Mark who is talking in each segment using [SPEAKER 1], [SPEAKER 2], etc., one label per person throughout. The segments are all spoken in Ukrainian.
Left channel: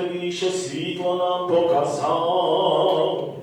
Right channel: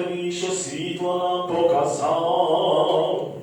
[SPEAKER 1] тобі, що світло нам показав.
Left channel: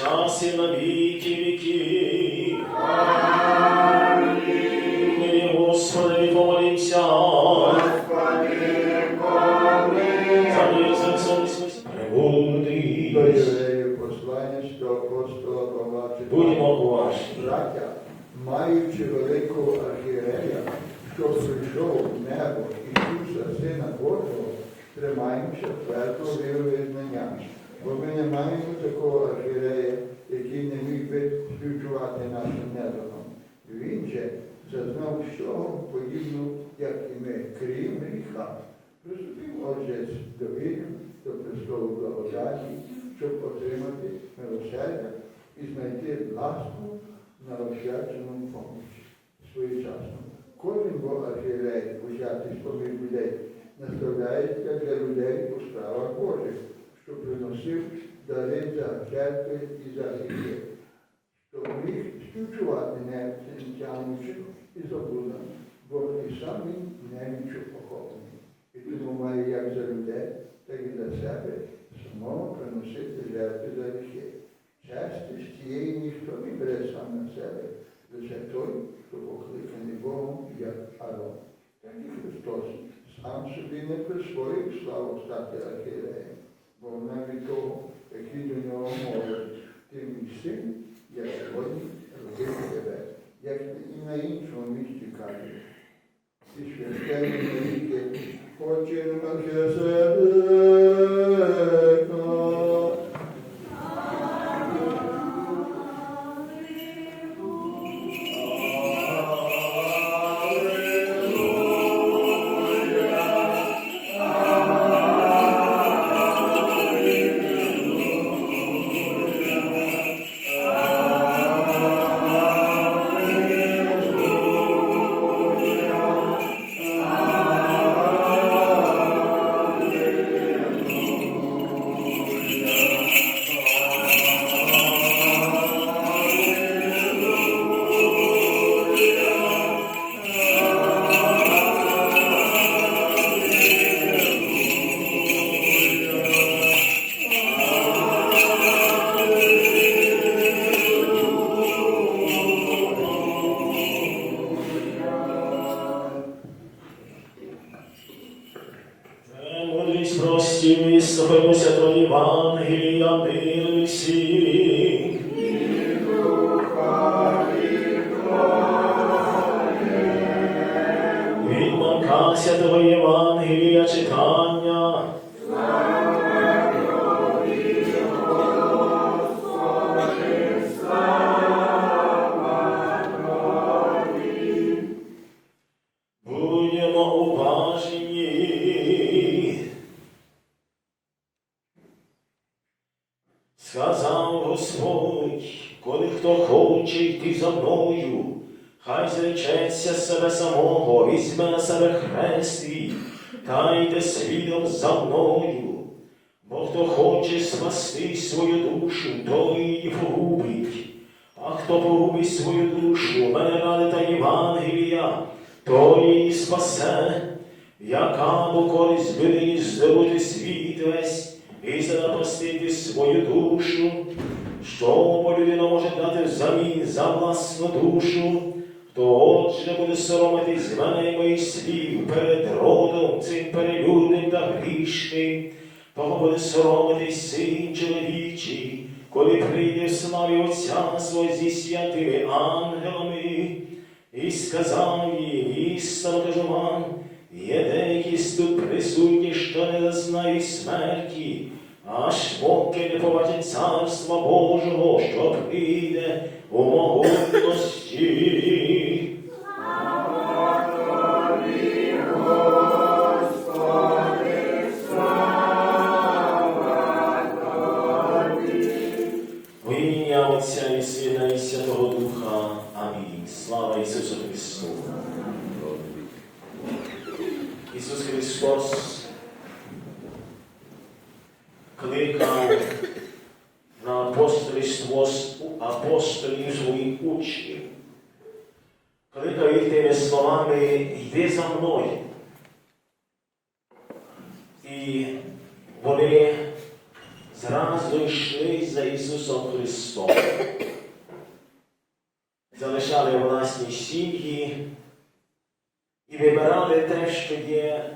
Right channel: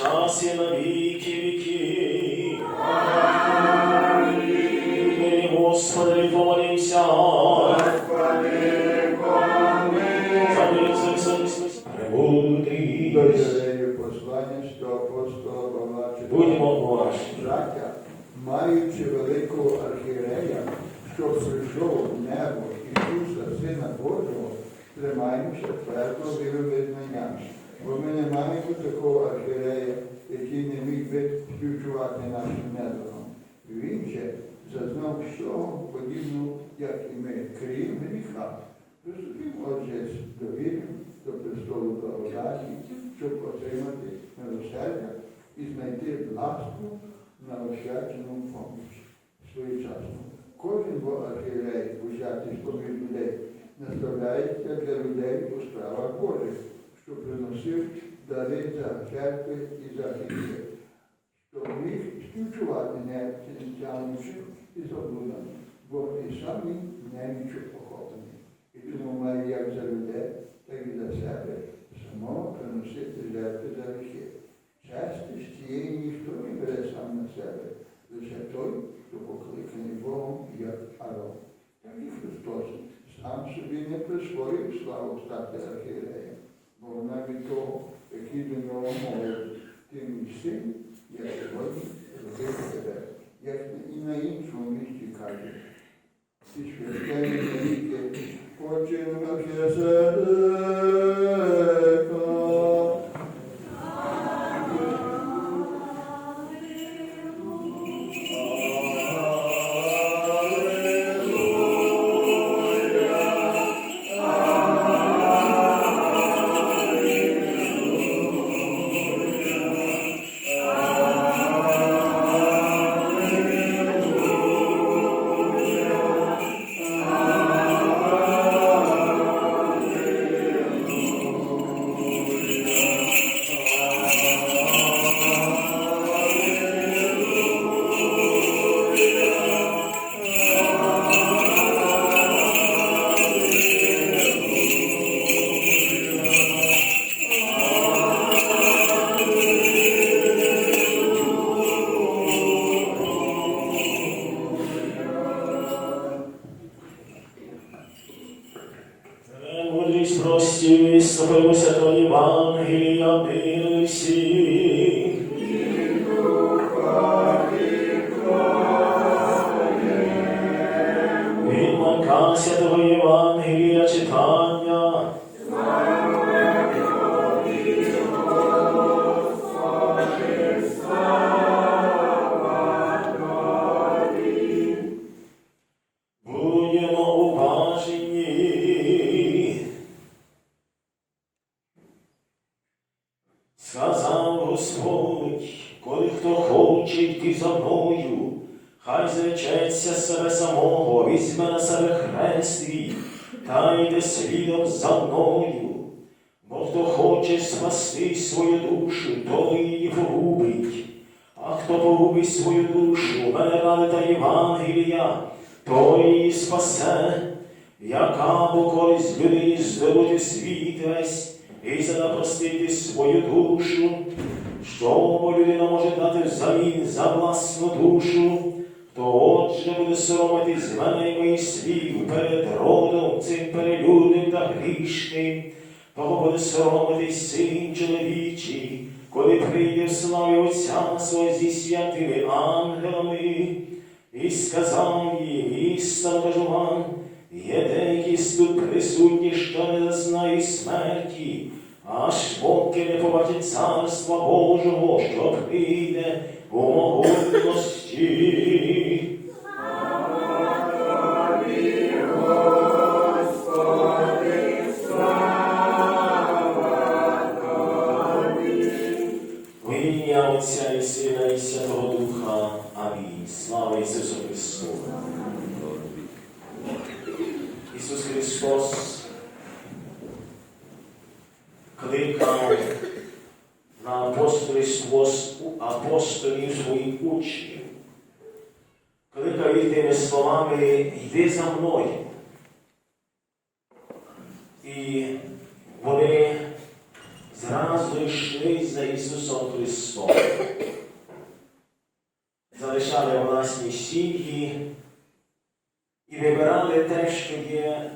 [SPEAKER 2] Повсякчас і на віки віки. Амінь. Господи, все, смисл. Прибудь.
[SPEAKER 3] Дорогие послання до апостола Павла
[SPEAKER 2] Будьмо.
[SPEAKER 3] Браття, маючи великого архієрея, що прийшов в небо Ісуса, Сина Божого, тримаємося твердо віровизнання. Бо ми не маємо такого архієрея, який не міг би співчувати нашим недором. Він же зазнав всього подібного, як і ми, крім гріха. Приступів отже з довір'ям до престолу благодаті, щоб отримати милосердя і знайти ласку на освячену поміч своєчасно. Кожен бо архієрей, усятий з поміж людей, наставляється для людей у справах Божих, що приносив дари за жертви і за гріхи, щоб міг співчувати не тягнучи і заблудами, бо і самі немічу поховані. І тому має як за людей, так і за себе самого приносити жертви за гріхи. Часто з цієї ніхто не бере сам на себе, лише той, хто покликаний Богом, як Арон. Так і Христос сам собі не присвоїв славу стати архієреєм, бо навіть того, який до нього мовив, ти мій
[SPEAKER 2] за власну душу, то отже буде соромитись мене моїх слів перед родом цим перелюдним та грішним, того буде соромитись син чоловічий, коли прийде славі Отця свого зі святими ангелами, і сказав їм, істинно є деякі тут присутні, що не зазнають смерті, аж поки не побачать царства Божого, що прийде у могутності. Отця і Сина і Святого Духа. Амінь. Слава Ісусу Христу. Ісус Христос кликав на апостольство з- апостолів своїх учнів. Кликав їх тими словами, йди за мною. І вони зразу йшли за Ісусом Христом. Залишали власні сім'ї і вибирали те, що є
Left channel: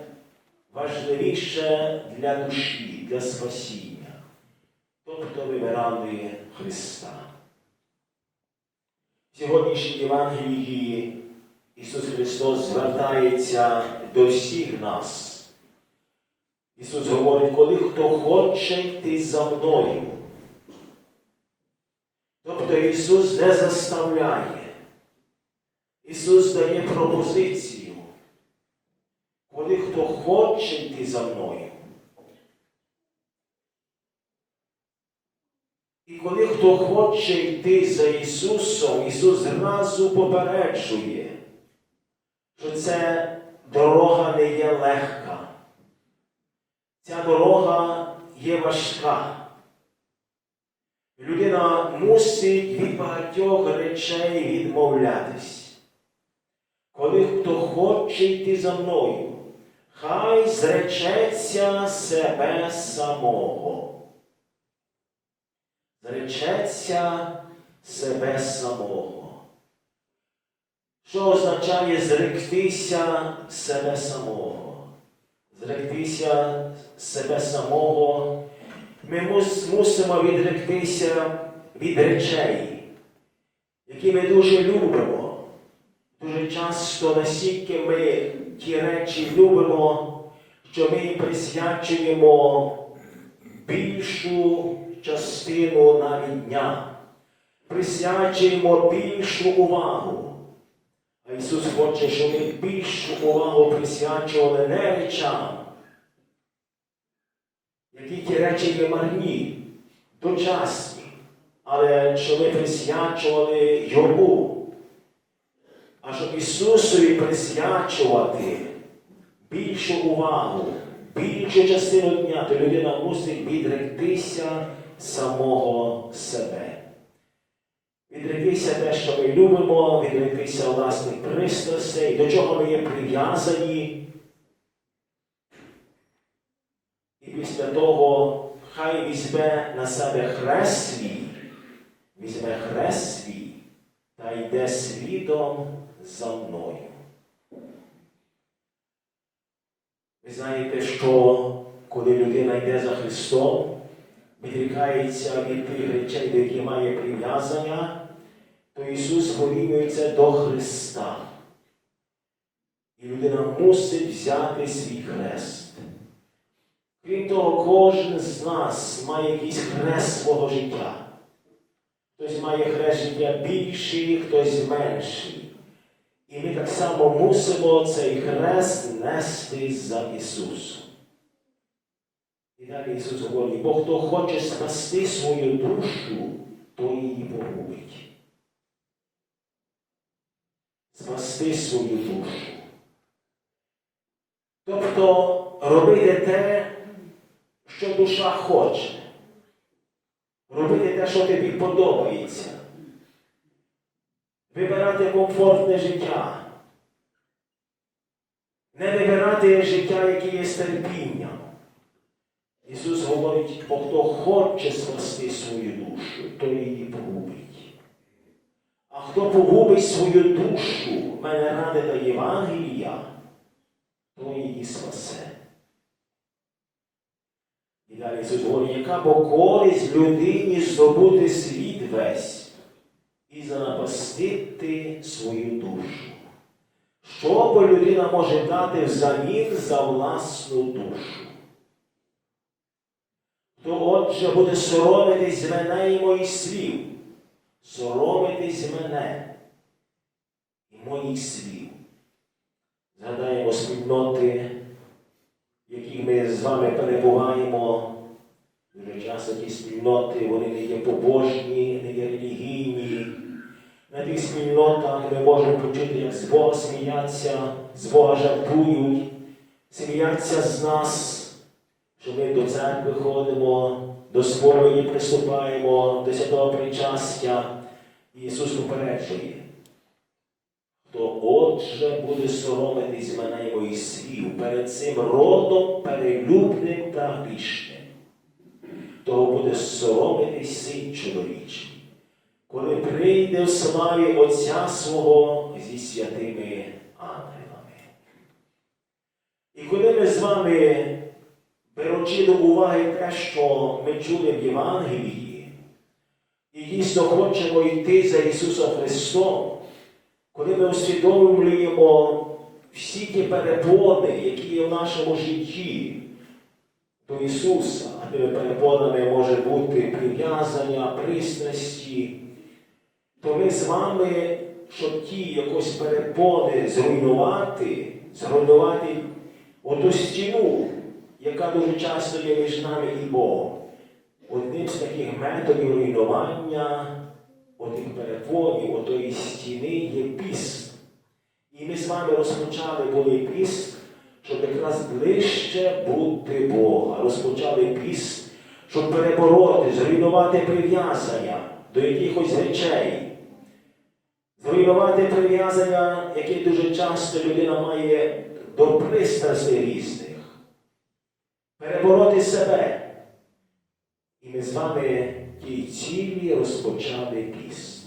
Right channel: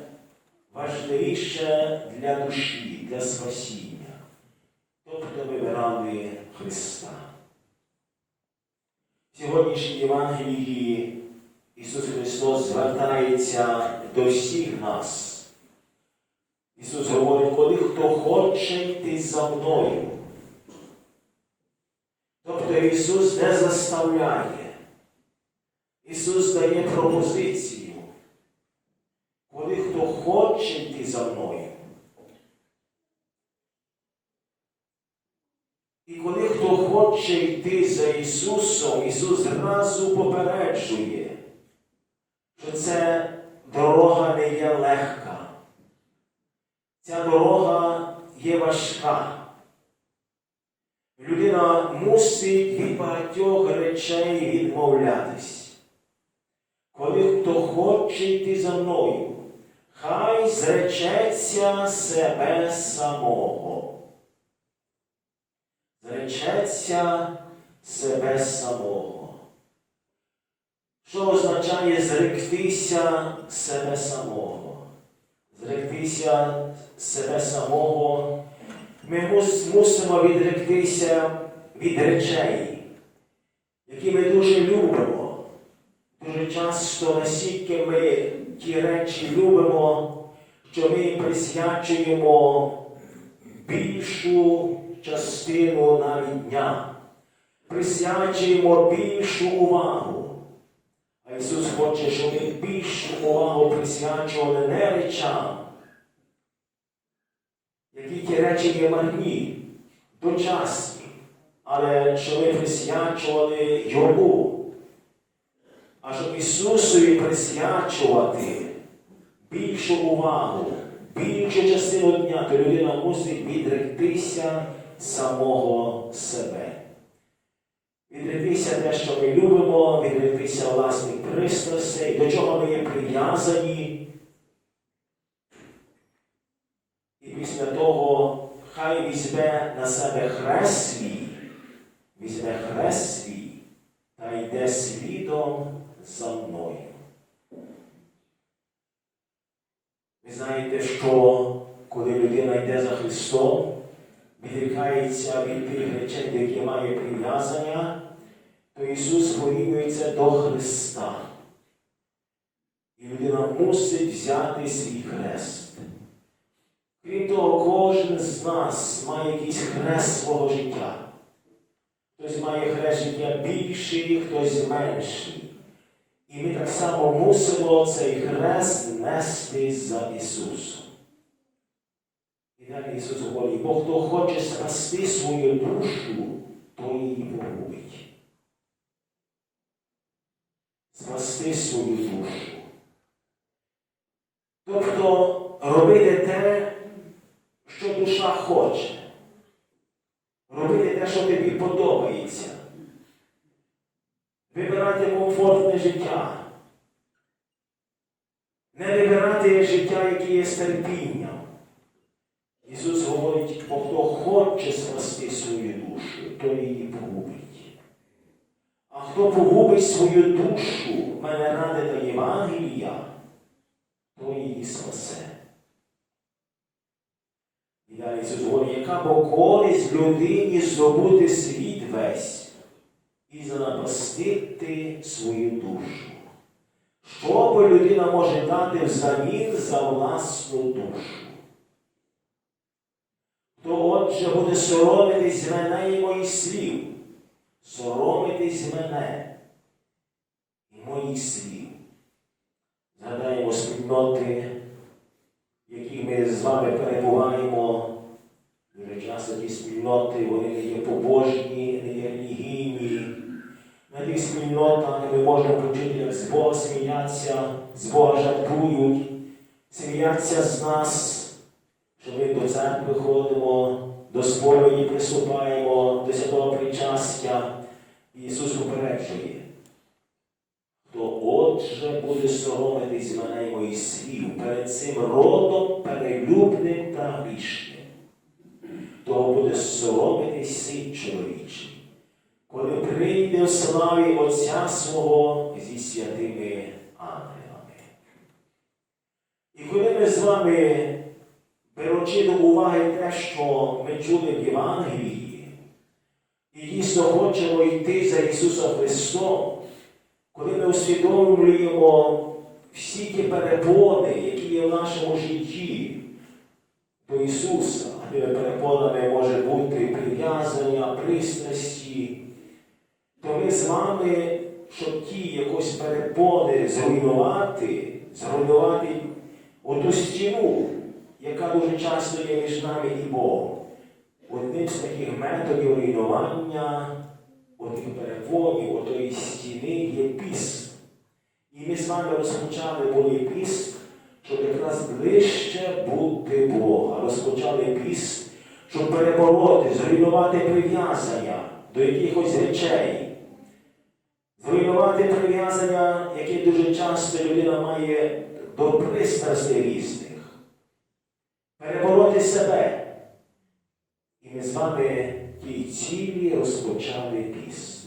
[SPEAKER 2] важливіше для душі, для спасіння. Тобто вибирали Христа. В сьогоднішній Євангелії Ісус Христос звертається до всіх нас. Ісус говорить, коли хто хоче йти за мною. Тобто Ісус не заставляє. Ісус дає пропозицію. Коли хто хоче йти за мною. І коли хто хоче йти за Ісусом, Ісус зразу попереджує, що це дорога не є легка. Ця дорога є важка. Людина мусить від багатьох речей відмовлятись. Коли хто хоче йти за мною, хай зречеться себе самого. Зречеться себе самого. Що означає зректися себе самого? Зректися себе самого. Ми мусимо відректися від речей, які ми дуже любимо. Дуже часто настільки ми ті речі любимо, що ми присвячуємо більшу частину навіть дня, присвячуємо більшу увагу. А Ісус хоче, щоб ми більшу увагу присвячували не речам, які ті речі є марні, дочасні, але щоб ми присвячували Йому. А щоб Ісусові присвячувати більшу увагу, більшу частину дня, то людина мусить відректися самого себе. Відректися те, що ми любимо, відректися власних пристрастей, до чого ми є прив'язані. І після того хай візьме на себе хрест свій, візьме хрест свій та йде слідом за мною. Ви знаєте, що коли людина йде за Христом, відрікається від тих речей, яких має прив'язання, то Ісус порівнюється до Христа. І людина мусить взяти свій хрест. Крім того, кожен з нас має якийсь хрест свого життя. Хтось має хрест життя більший, хтось менший. І ми так само мусимо цей хрест нести за Ісусом. І далі Ісус говорить, бо хто хоче спасти свою душу, то її погубить. Спасти свою душу. Тобто робити те, що душа хоче. Робити те, що тобі подобається. Вибирати комфортне життя. Не вибирати життя, яке є з терпінням. Ісус говорить, хто хоче спасти свою душу, то її погубить. А хто погубить свою душу, мене ради та Євангелія, то її спасе. І далі Ісус говорить, яка бо користь людині здобути світ весь і занапастити свою душу. Що бо людина може дати взамін за власну душу? Отже буде соромитись мене і моїх слів, соромитись мене і моїх слів. Згадаємо спільноти, в яких ми з вами перебуваємо. Дуже часто ті спільноти, вони не є побожні, не є релігійні. На тих спільнотах ми можемо почути, як з Бога сміяться, з Бога жартують, сміяться з нас, що ми до церкви ходимо, до сповіді приступаємо, до святого причастя. І Ісус попереджує, хто Отже, буде соромитись мене й моїх слів перед цим родом перелюбним та грішним. Того буде соромитись син чоловічий, коли прийде в славі Отця свого зі святими ангелами. І коли ми з вами, беручи до уваги те, що ми чули в Євангелії, і дійсно хочемо йти за Ісусом Христом, коли ми усвідомлюємо всі ті перепони, які є в нашому житті до Ісуса, тими перепонами може бути прив'язання, пристрасті, то ми з вами, щоб ті якось перепони зруйнувати, зруйнувати оту стіну, яка дуже часто є між нами і Богом. Одним з таких методів руйнування отих перепонів, отої стіни є піст. І ми з вами розпочали були піст, щоб якраз ближче бути Бога. Розпочали піст, щоб перебороти, зруйнувати прив'язання до якихось речей. Зруйнувати прив'язання, які дуже часто людина має до пристрастей різних. Перебороти себе. І ми з вами тій цілі розпочали піст.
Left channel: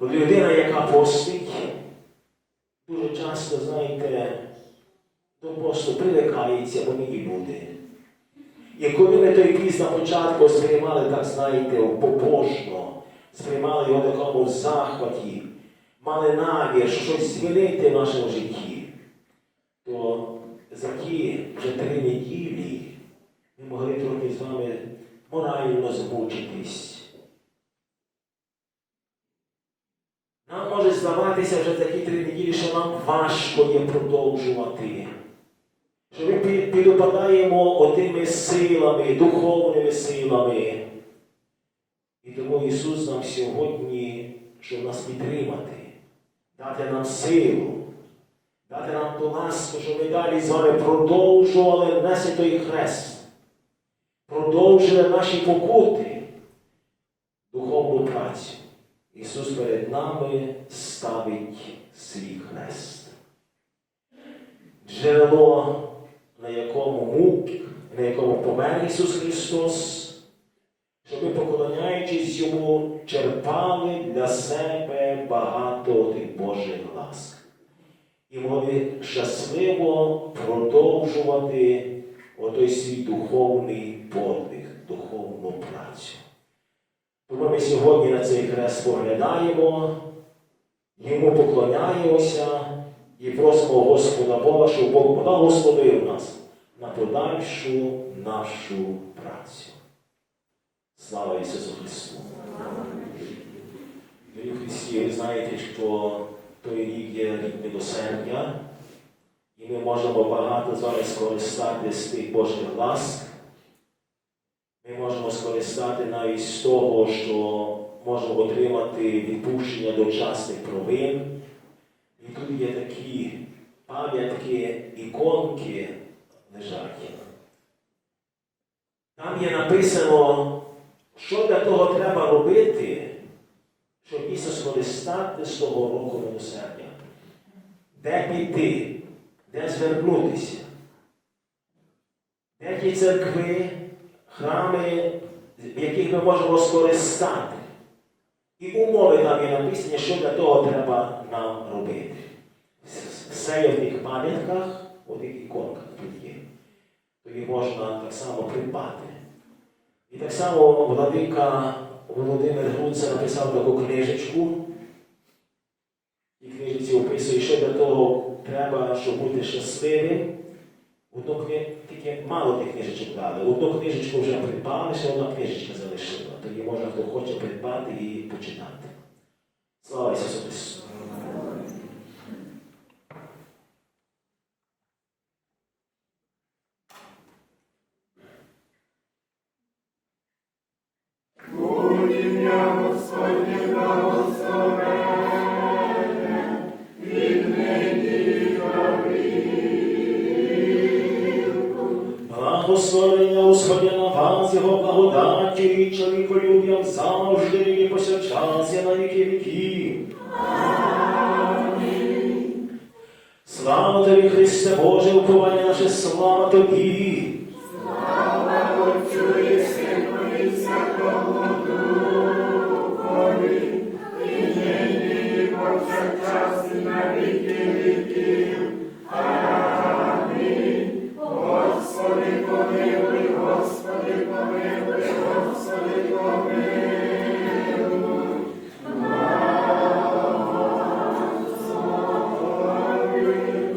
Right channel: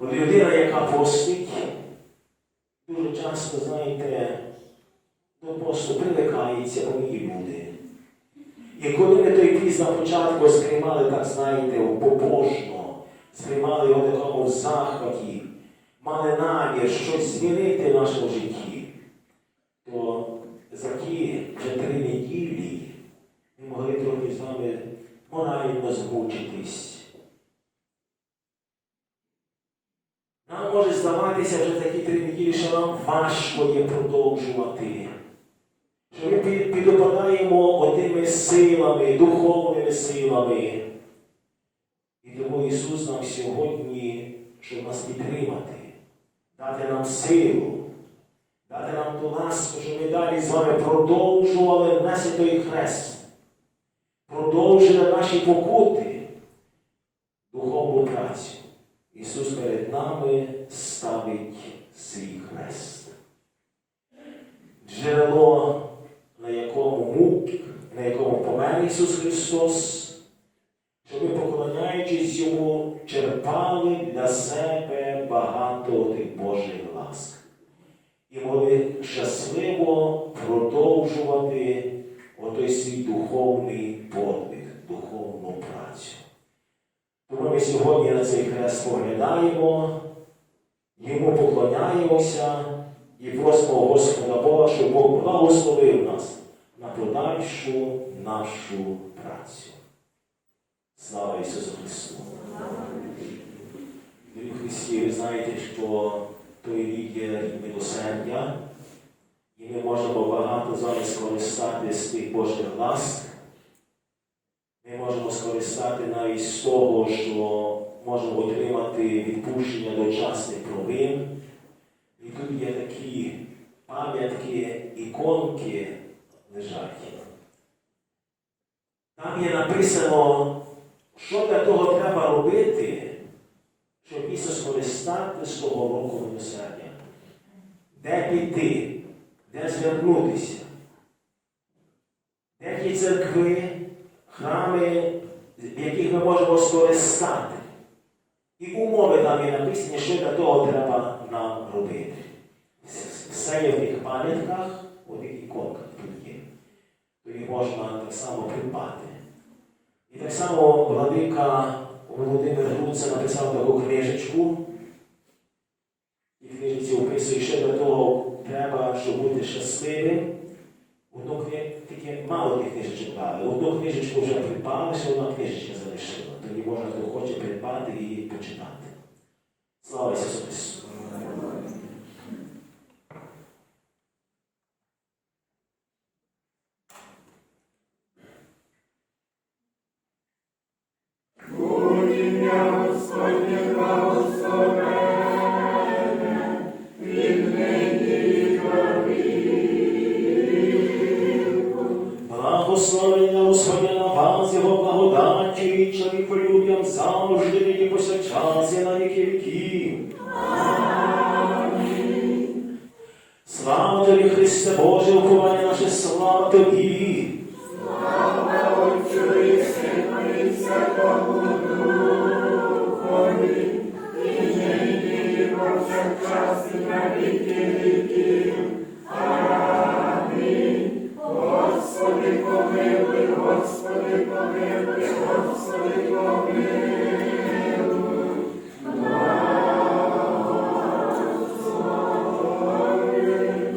[SPEAKER 2] Людина, яка постить, дуже часто, знаєте, до посту привикається вони і люди. І коли ми той піст на початку сприймали, так знаєте, побожно, сприймали його такому захваті, мали намір щось змінити в нашому житті, то за ті вже три неділі ми могли трохи з вами змучитись. Нам може здаватися вже такі три неділі, що нам важко є продовжувати. Що ми під- підопадаємо отими силами, духовними силами. І тому Ісус нам сьогодні, щоб нас підтримати, дати нам силу, дати нам ту ласку, щоб ми далі з вами продовжували нести той хрест, продовжили наші покути, духовну працю. Ісус перед нами ставить свій хрест. Джерело, на якому мук, на якому помер Ісус Христос, щоб ми, поклоняючись Йому, черпали для себе багато тих Божих ласк. І могли щасливо продовжувати отой свій духовний подвиг, духовну працю. Тому ми сьогодні на цей хрест поглядаємо, йому поклоняємося і просимо Господа Бога, щоб Бог благословив нас на подальшу нашу працю. Слава Ісусу Христу! Дорогі Христі, ви знаєте, що той рік є рік милосердя, і ми можемо багато з вами скористати з тих Божих ласк. Ми можемо скористати навіть з того, що можемо отримати відпущення дочасних провин. І тут є такі пам'ятки, іконки лежать. Там є написано, що для того треба робити, щоб дійсно скористати з того року милосердя. Де піти, де звернутися, де ті церкви, храми, в яких ми можемо скористати. І умови там є написані, що для того треба нам робити. Все є в тих пам'ятках, у тих іконках тут є. То їх можна так само придбати. І так само владика Володимир Грунце написав таку книжечку. І книжці описує, що для того щасливим. Одну кни... тільки мало тих книжечок дали. Одну книжечку вже придбали, ще одна книжечка залишила. Тоді можна, хто хоче придбати і почитати. Слава Ісусу Христу!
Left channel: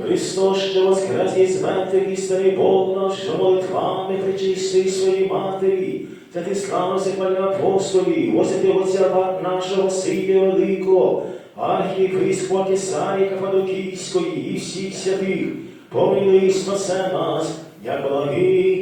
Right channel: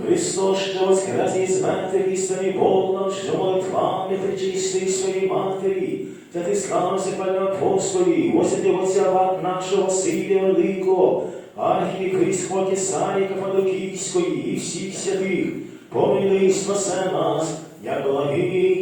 [SPEAKER 2] Христос, що воскрес із мертвих істини Бог наш, що молитвами причистий своїй матері, та ти славився пане апостолі, освятив отця нашого Василія Великого, архієпископа Кисарі Кападокійської і всіх святих, помилуй спасе нас, як благий